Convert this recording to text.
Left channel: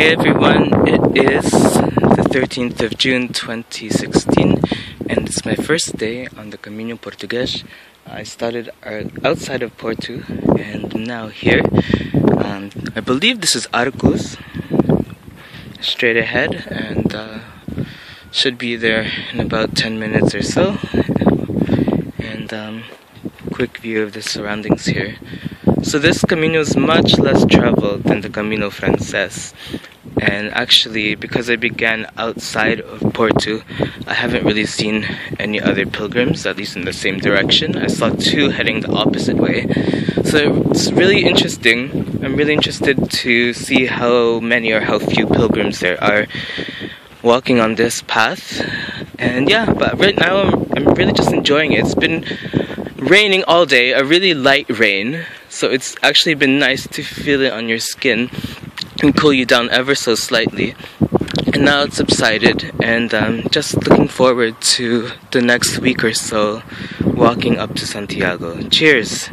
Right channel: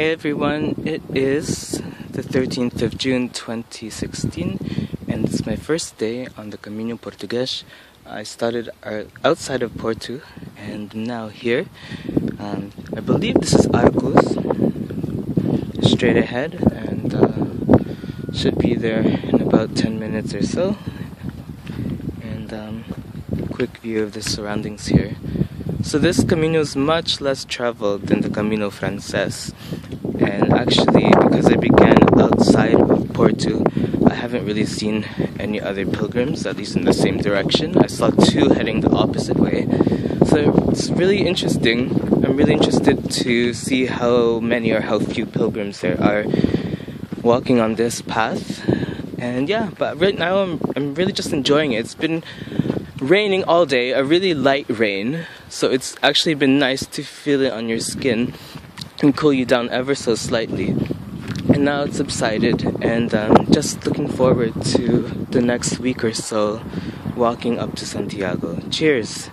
Hey everyone, it is the 13th of June 2016 and it's my first day on the Caminho Português. I started outside of Porto and now here. I believe this is Arcos, straight ahead, and should be there in about 10 minutes or so. And quick view of the surroundings here. So this Camino is much less traveled than the Camino Frances, and actually because I began outside of Porto, I haven't really seen any other pilgrims, at least in the same direction. I saw two heading the opposite way, so it's really interesting. I'm really interested to see how many or how few pilgrims there are walking on this path. And yeah, but right now I'm really just enjoying it. It's been raining all day, a really light rain, so it's actually been nice to feel it on your skin and cool you down ever so slightly. And now it's subsided, and I'm just looking forward to the next week or so walking up to Santiago. Cheers!